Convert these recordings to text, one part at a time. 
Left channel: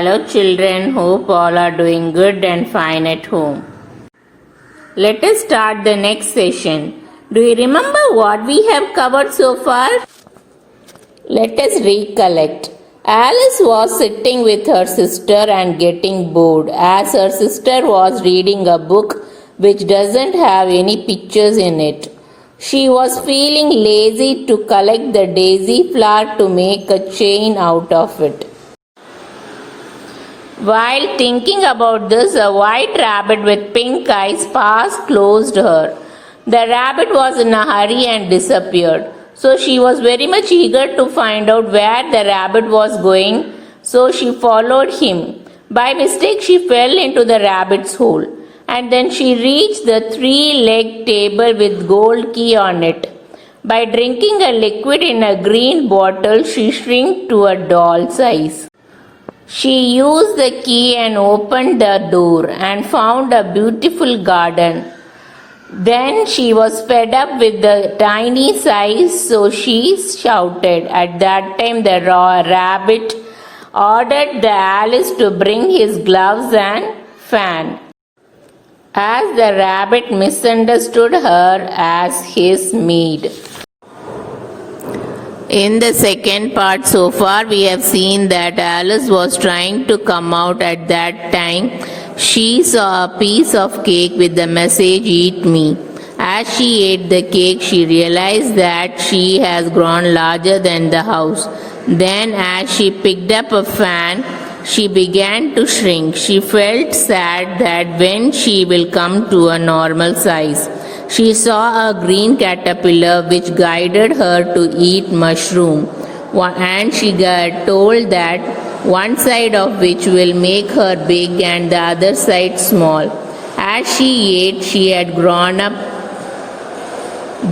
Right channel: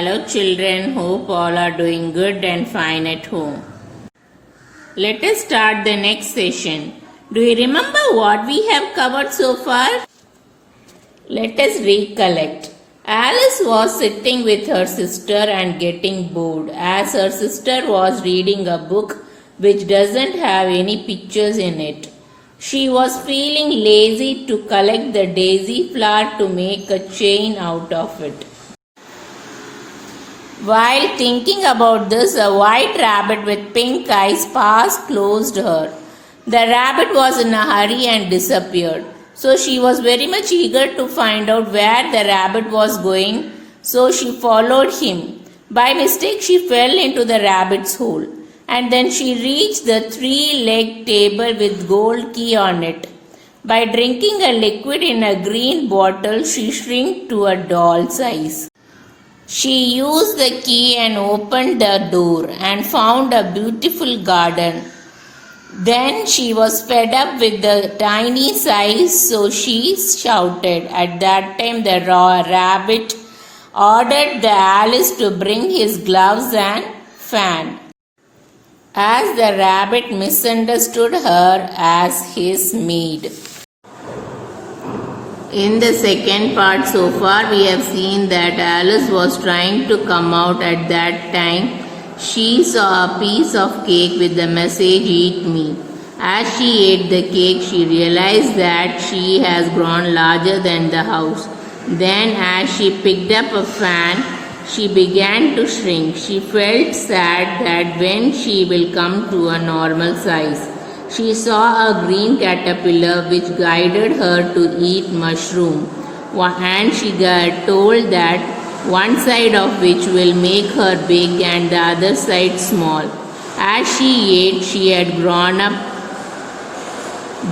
Hello children, hope all are doing good and fine at home. Let us start the next session. Do you remember what we have covered so far? Let us recollect. Alice was sitting with her sister and getting bored as her sister was reading a book which doesn't have any pictures in it. She was feeling lazy to collect the daisy flower to make a chain out of it. While thinking about this, a white rabbit with pink eyes passed close to her. The rabbit was in a hurry and disappeared. So she was very much eager to find out where the rabbit was going, so she followed him. By mistake, she fell into the rabbit's hole, and then she reached the three-legged table with gold key on it. By drinking a liquid in a green bottle, she shrank to a doll size. She used the key and opened the door and found a beautiful garden. Then she was fed up with the tiny size, so she shouted. At that time, the rabbit ordered the Alice to bring his gloves and fan, as the rabbit misunderstood her as his maid. In the second part so far, we have seen that Alice was trying to come out. At that time, she saw a piece of cake with the message, "Eat me." As she ate the cake, she realized that she has grown larger than the house. Then, as she picked up a fan, she began to shrink. She felt sad that when she will come to a normal size. She saw a green caterpillar which guided her to eat mushroom, and she got told that one side of which will make her big and the other side small. As she ate, she had grown up.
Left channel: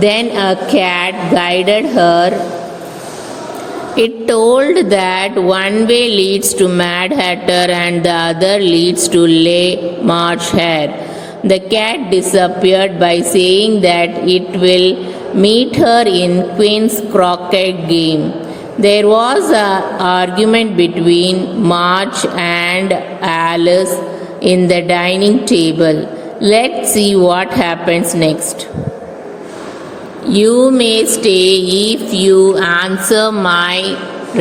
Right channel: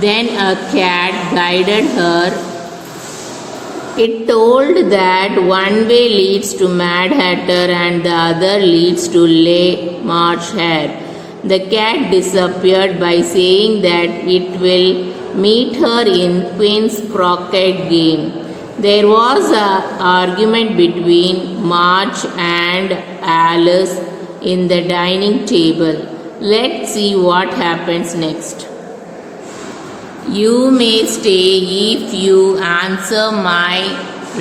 Then a cat guided her. It told that one way leads to Mad Hatter and the other leads to Le March Hare. The cat disappeared by saying that it will meet her in Queen's croquet game. There was an argument between March and Alice in the dining table. Let's see what happens next. "You may stay if you answer my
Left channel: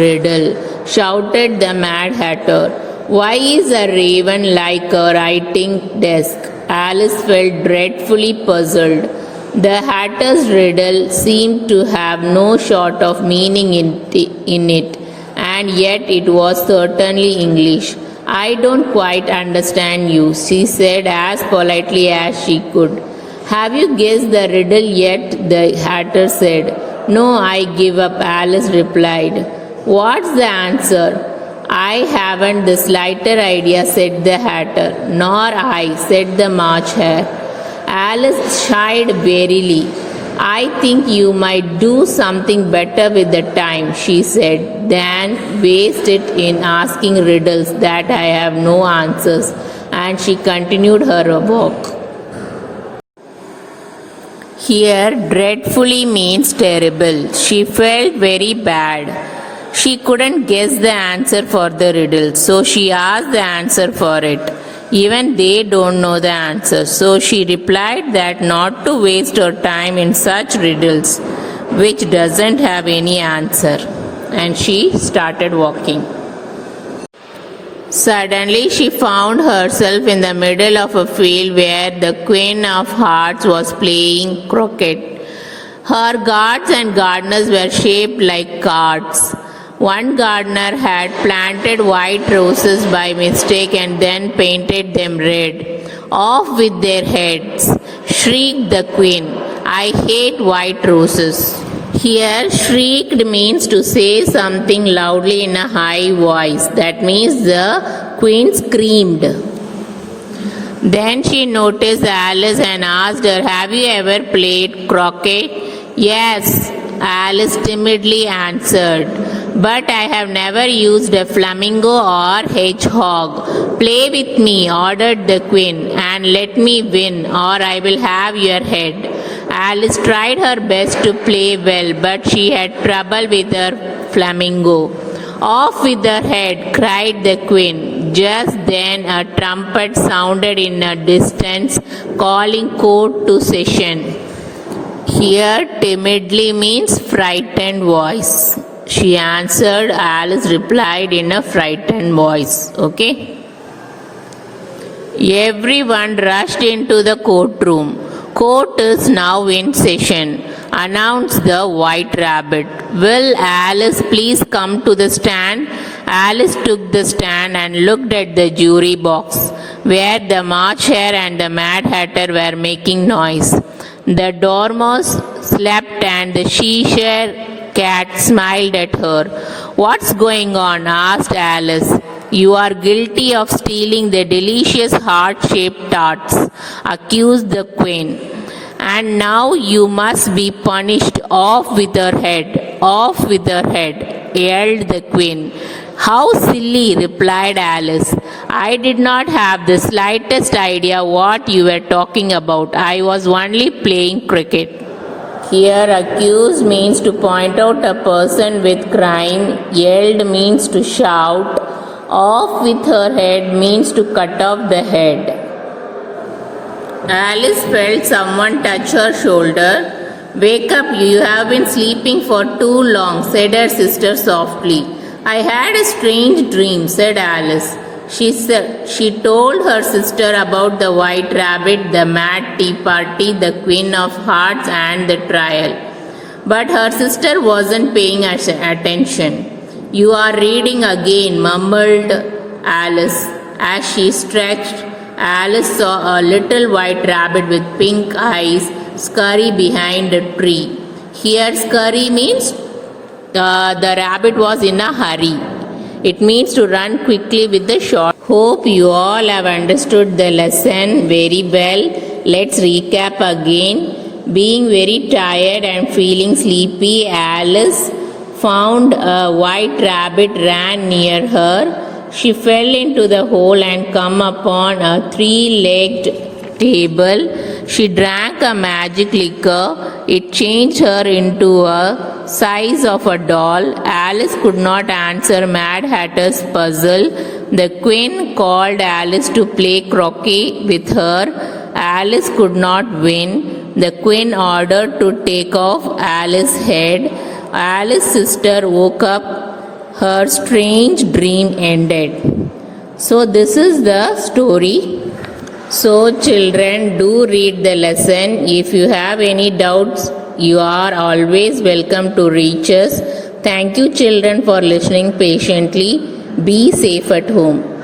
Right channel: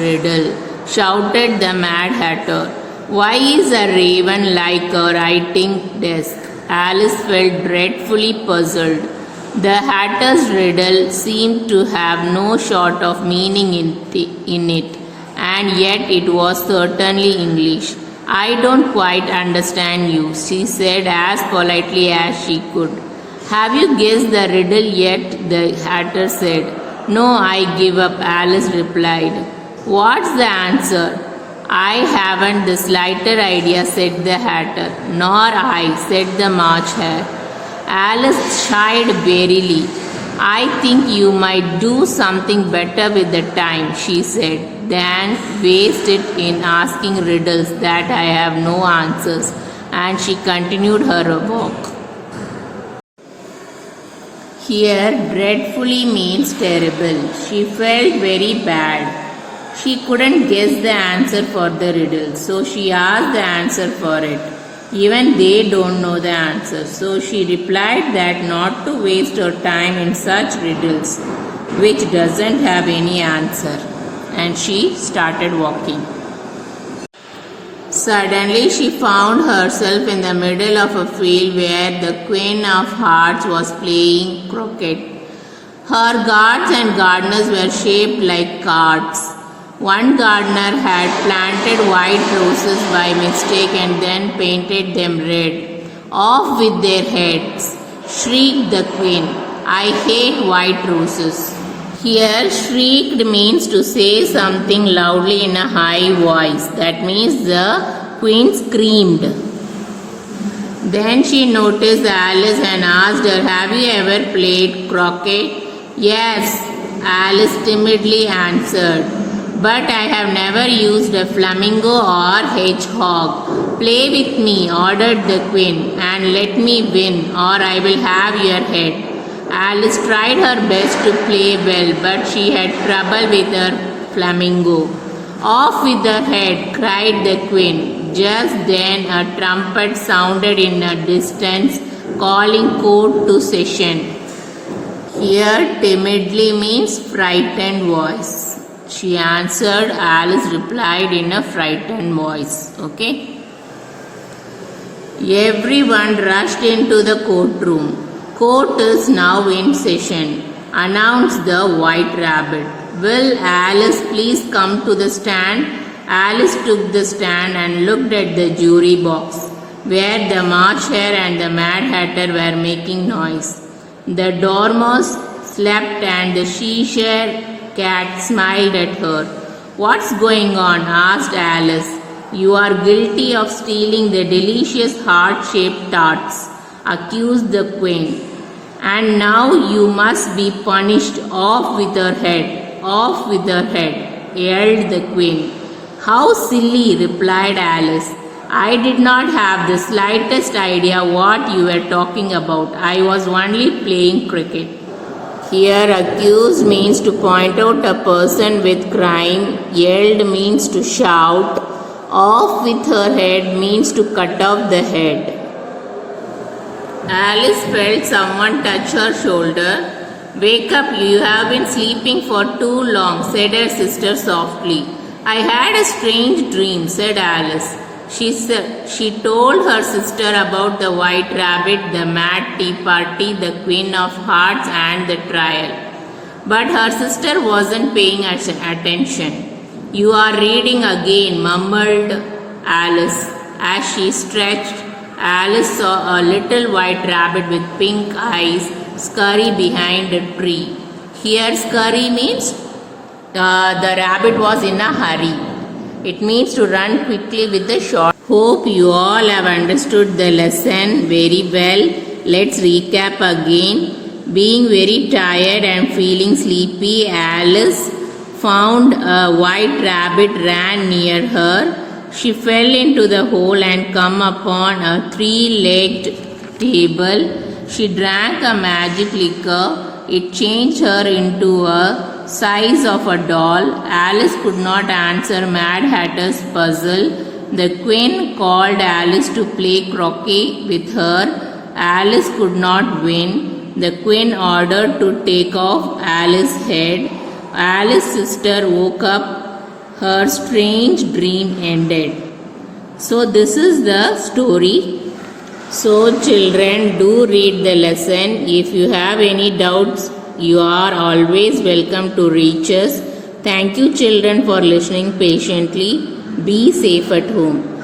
riddle," shouted the Mad Hatter. "Why is a raven like a writing desk?" Alice felt dreadfully puzzled. The Hatter's riddle seemed to have no sort of meaning in it, and yet it was certainly English. "I don't quite understand you," she said as politely as she could. "Have you guessed the riddle yet?" the Hatter said. "No, I give up," Alice replied. "What's the answer?" "I haven't the slightest idea," said the Hatter. "Nor I," said the March Hare. Alice sighed wearily. "I think you might do something better with the time," she said, "than waste it in asking riddles that I have no answers," and she continued her walk. Here, dreadfully means terrible. She felt very bad. She couldn't guess the answer for the riddle, so she asked the answer for it. Even they don't know the answer, so she replied that not to waste her time in such riddles which doesn't have any answer, and she started walking. Suddenly she found herself in the middle of a field where the Queen of Hearts was playing croquet. Her guards and gardeners were shaped like cards. One gardener had planted white roses by mistake and then painted them red. "Off with their heads!" shrieked the queen. "I hate white roses." Here, shrieked means to say something loudly in a high voice. That means the queen screamed. Then she noticed Alice and asked her, "Have you ever played croquet?" "Yes," Alice timidly answered. "But I have never used a flamingo or hedgehog." "Play with me," ordered the queen, "and let me win, or I will have your head." Alice tried her best to play well, but she had trouble with her flamingo. "Off with her head," cried the queen. Just then a trumpet sounded in a distance, calling court to session. Here, timidly means frightened voice. She answered, Alice replied in a frightened voice. Okay? Everyone rushed into the courtroom. Court is now in session, announced the White Rabbit. Will Alice please come to the stand? Alice took the stand and looked at the jury box, where the March Hare and the Mad Hatter were making noise. The Dormouse slept and the Cheshire Cat smiled at her. What's going on? Asked Alice. You are guilty of stealing the delicious heart-shaped tarts, accused the Queen. And now you must be punished. Off with her head, off with her head, yelled the Queen. How silly, replied Alice. I did not have the slightest idea what you were talking about. I was only playing cricket. Here, accused means to point out a person with crime, yelled means to shout, off with her head means to cut off the head. Alice felt someone touch her shoulder. Wake up, you have been sleeping for too long, said her sister softly. I had a strange dream, said Alice. She told her sister about the White Rabbit, the Mad Tea Party, the Queen of Hearts, and the trial. But her sister wasn't paying attention. You are reading again, mumbled Alice. As she stretched, Alice saw a little white rabbit with pink eyes scurry behind a tree. Here, scurry means the rabbit was in a hurry. It means to run quickly with the short. Hope you all have understood the lesson very well. Let's recap again. Being very tired and feeling sleepy, Alice found a white rabbit ran near her. She fell into the hole and come upon a three-legged table. She drank a magic liquor. It changed her into a size of a doll. Alice could not answer Mad Hatter's puzzle. The Queen called Alice to play croquet with her. Alice could not win. The Queen ordered to take off Alice's head. Alice's sister woke up. Her strange dream ended. So this is the story. So children, do read the lesson. If you have any doubts, you are always welcome to reach us. Thank you children for listening patiently. Be safe at home.